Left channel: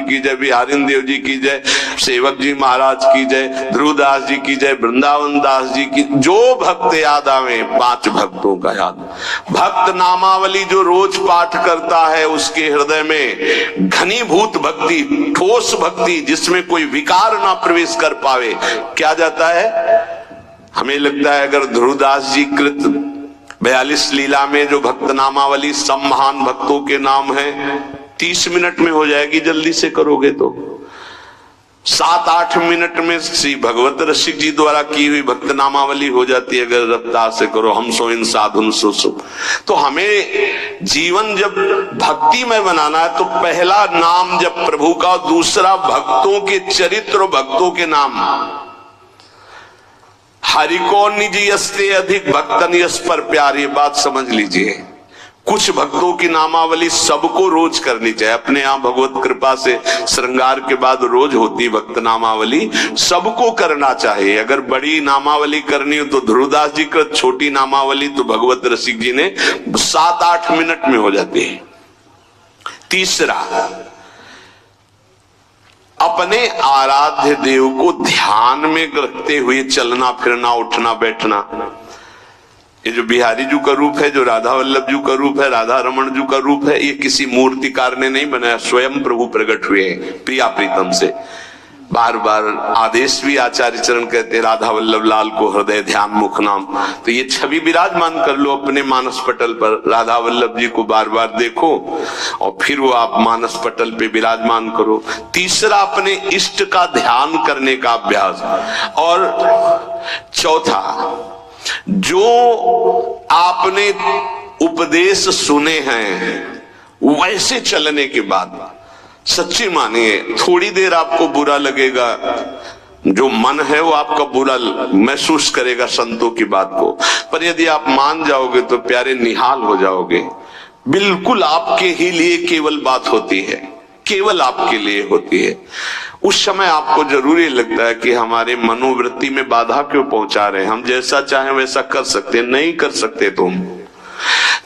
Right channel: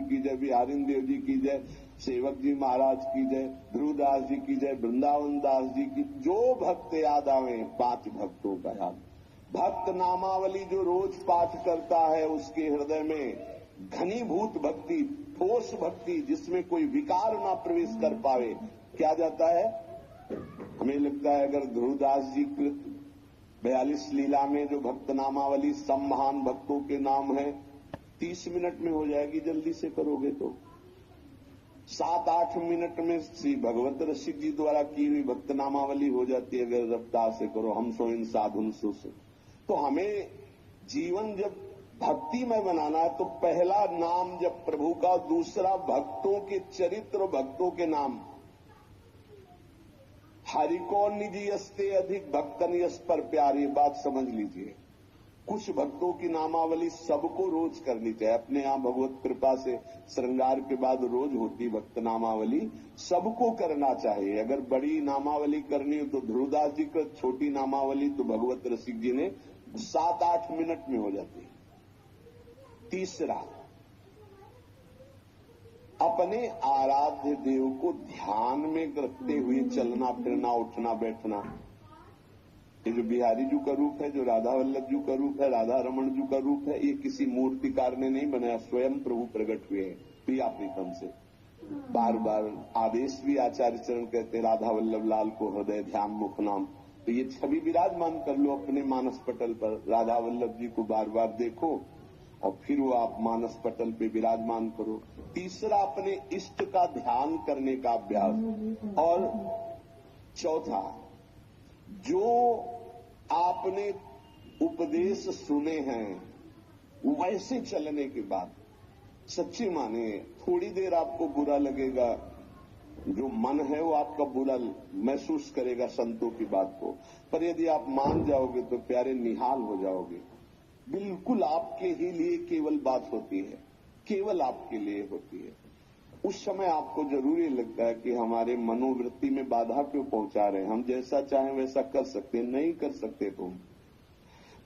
की जय, बिहारी देव जी की जय, सेवक जी महाराज की जय, ध्रुवदास जी की जय, वृंदावन दास जी की। जो भक्त याद आवे 5 भक्तों का याद। भक्त नामावली जो रोज पाठ करता है उसके हृदय में घनीभूत भक्ति, ठोस भक्ति जिसमें कोई विकार ना प्रवेश कर पावे, क्या जाता है। हमें लगता है अगर ध्रुवदास जी कृत 42 लीला में जो भक्त नामावली सब महान भक्तों के नाम है 30 मिनट में हो जाएगी, जल्दी से करोगे तो 7-8 मिनट में श्री भगवत रसिक जी द्वारा की हुई भक्त नामावली हो जाती है अगर रफ्तार से करो। हम सो इन साधुन सो। तो हमें जीवन जब भक्ति में बनाना है तो पहला नाम जब प्रभु का, दूसरा भक्तों के चरित्र, भक्तों के नाम। हरि को निज यस्ते अधिक भक्तन यस पर प्यार, ये बात समझ लीजिए। कुछ भक्तों की नामावली सबको रोज करनी चाहिए। अपने यहाँ भगवत कृपा से श्रृंगार के बाद रोज होती भक्त नामावली, सबको करना चाहिए। अगर बड़ी नामावली करनी हो तो ध्रुवदास जी का, छोटी नामावली तो भगवत रसिक जी ने 7-8 मिनट में हो जाती है। तीसरा, अपने आराध्य देव को ध्यान में रखते हुए चलना फिरना, उठना बैठना। ये जो बिहारी जी का रूप है, जो राधा वल्लभ जी का रूप है, राधा रमन जी का रूप है, ये किसी मूर्तिकार ने नहीं बनाया, स्वयं प्रभु प्रकट हुए हैं प्रिया प्रीतम से। बार बार आदेश भी आचार्य चरण कहते, राधा वल्लभ लाल को हृदय ध्यान मुख नाम। तो ये छवि विराजमान कर लो अपने मानस पटल पर, राधा वल्लभ जी को बार बार देखो और फिर वो आप मानस पटल पे विराजमान करो। तीसरा, अपने इष्ट का ध्यान करने का अभ्यास। और चौथा, जो आपने उपदेश सुने हैं वैसे चलने के बाद, सच्ची मानिए थोड़ी देर आपको बुरा लगेगा, जो मन है वो आपका बुरा महसूस करेगा संतों की बात को, पर यदि आप मान जाओगे तो प्यारे निहाल हो जाओगे। बिल्कुल आपके ही लिए केवल बात होती है, केवल आपके लिए होती है। उस समय आपको जरूरी लगता है कि हमारे मनोवृत्ति में बाधा क्यों पहुंचा रहे हैं। हम जैसा चाहें वैसा कर सकते, नहीं कर सकते। तुम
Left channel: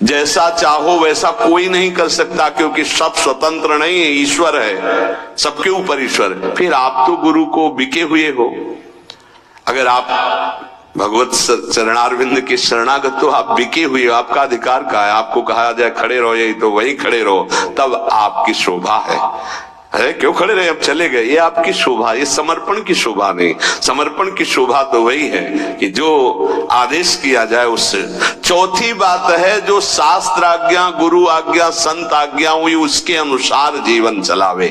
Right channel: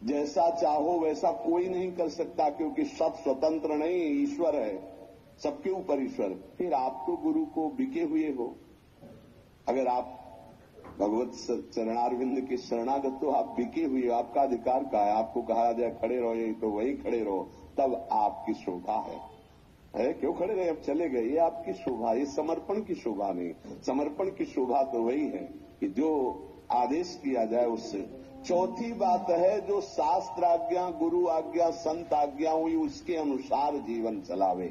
जैसा चाहो वैसा कोई नहीं कर सकता, क्योंकि सब स्वतंत्र नहीं है, ईश्वर है, सबके ऊपर ईश्वर है। फिर आप तो गुरु को बिके हुए हो। अगर आप भगवत चरणारविंद के शरणागत तो आप बिके हुए हो। आपका अधिकार का है, आपको कहा जाए खड़े रहो यही तो वही खड़े रहो, तब आपकी शोभा है। अरे क्यों खड़े रहे, अब चले गए, ये आपकी शोभा, ये समर्पण की शोभा नहीं। समर्पण की शोभा तो वही है कि जो आदेश किया जाए उससे। चौथी बात है, जो शास्त्र आज्ञा, गुरु आज्ञा, संत आज्ञा हुई उसके अनुसार जीवन चलावे।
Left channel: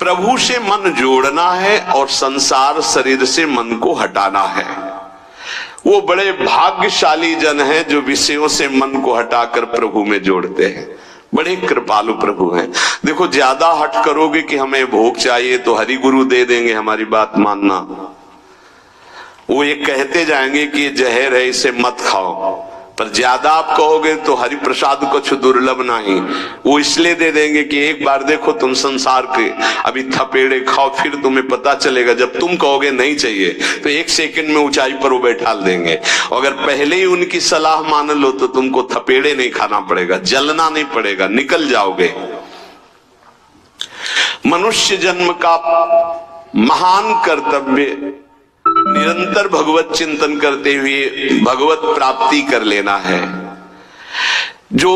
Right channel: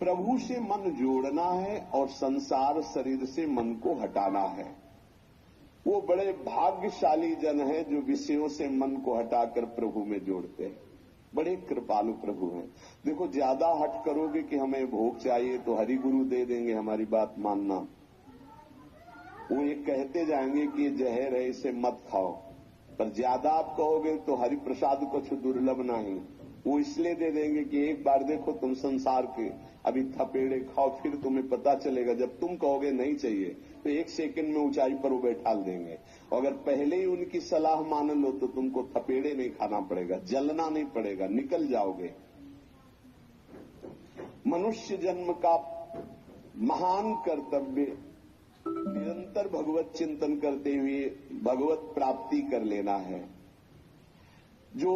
प्रभु से मन जोड़ना है और संसार शरीर से मन को हटाना है। वो बड़े भाग्यशाली जन हैं जो विषयों से मन को हटाकर प्रभु में जोड़ते हैं। बड़े कृपालु प्रभु हैं। देखो, ज्यादा हट करोगे कि हमें भोग चाहिए तो हरि गुरु दे देंगे, हमारी बात मानना। वो ये कहते जाएंगे कि ये जहर है इसे मत खाओ, पर ज्यादा आप कहोगे तो हरि प्रसाद कुछ दुर्लभ नहीं, वो इसलिए दे देंगे कि एक बार देखो तुम संसार के अभी थपेड़े खाओ, फिर तुम्हें पता चलेगा। जब तुम कहोगे नहीं चाहिए तो 1 सेकंड में ऊंचाई पर वो बैठा देंगे। अगर पहले ही उनकी सलाह मान लो तो तुमको थपेड़े नहीं खाना पड़ेगा, जलना नहीं पड़ेगा, निकल जाओगे। मनुष्य जन्म का महान कर्तव्य निरंतर भगवत चिंतन करते हुए भगवत प्राप्ति कर लेना है। जो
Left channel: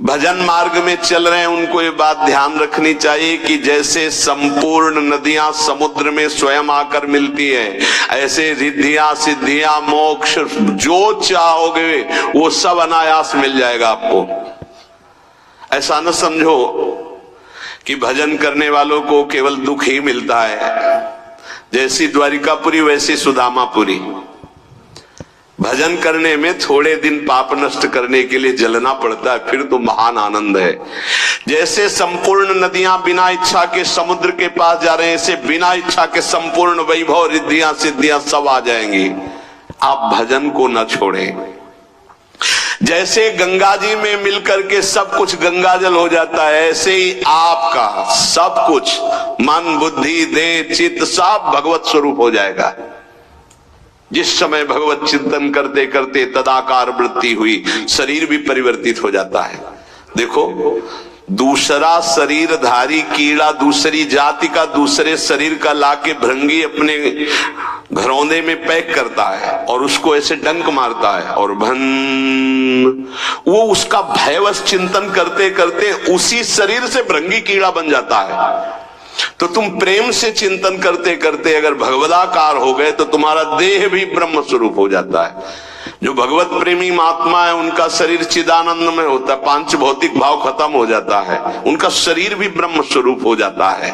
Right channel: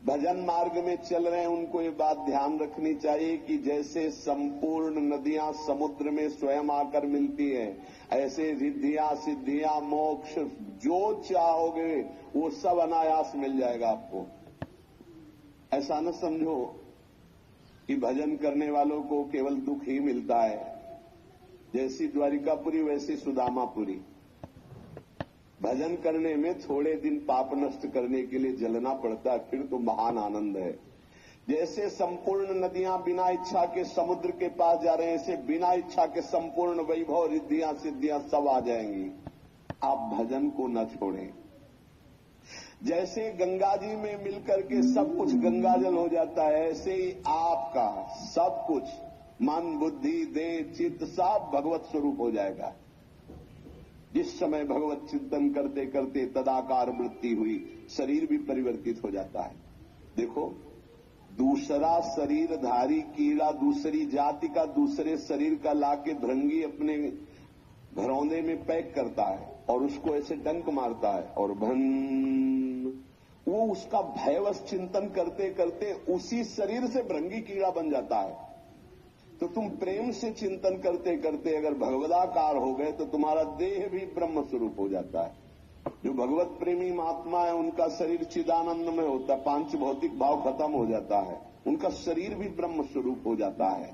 भजन मार्ग में चल रहे हैं उनको ये बात ध्यान रखनी चाहिए कि जैसे संपूर्ण नदियां समुद्र में स्वयं आकर मिलती है, ऐसे रिद्धियां सिद्धियां मोक्ष जो चाहोगे वो सब अनायास मिल जाएगा आपको। ऐसा न समझो कि भजन करने वालों को केवल दुख ही मिलता है। जैसी द्वारिकापुरी वैसी सुदामापुरी। भजन करने में थोड़े दिन पाप नष्ट करने के लिए जलना पड़ता है, फिर तो महान आनंद है। जैसे संपूर्ण नदियां बिना इच्छा के समुद्र के पास जा रहे हैं, ऐसे बिना इच्छा के संपूर्ण वैभव रिद्धियां सिद्धियां सब आ जाएंगी। आप भजन को न छोड़ें। जैसे गंगा जी में मिलकर के सब कुछ गंगा जल हो जाता है, ऐसे ही आपका सब कुछ मन बुद्धि देह चित्त सब भगवत स्वरूप हो जाएगा। जिस समय भगवत चिंतन करते करते तदाकार वृत्ति हुई, शरीर भी परिवर्तित हो जाता है। देखो, दूसरा शरीरधारी कीड़ा दूसरी जाति का दूसरे शरीर का लाके भृंगी अपने घरौंदे में पैक करता है और उसको ऐसे डंक मारता है और वो उसका भयवश चिंतन करते करते उसी शरीर से भृंगी कीड़ा बन जाता है। तो तुम प्रेम से चिंतन करते करते अगर भगवदाकार हो गए तो तुम्हारा देह भी ब्रह्म स्वरूप हो जाता है। जो भगवत प्रेमी महात्मा है उनका शरीर चिदानंद में होता है, पांच भौतिक भाव खत्म हो जाता है, उनका शरीर भी ब्रह्म स्वरूप हो जाता है।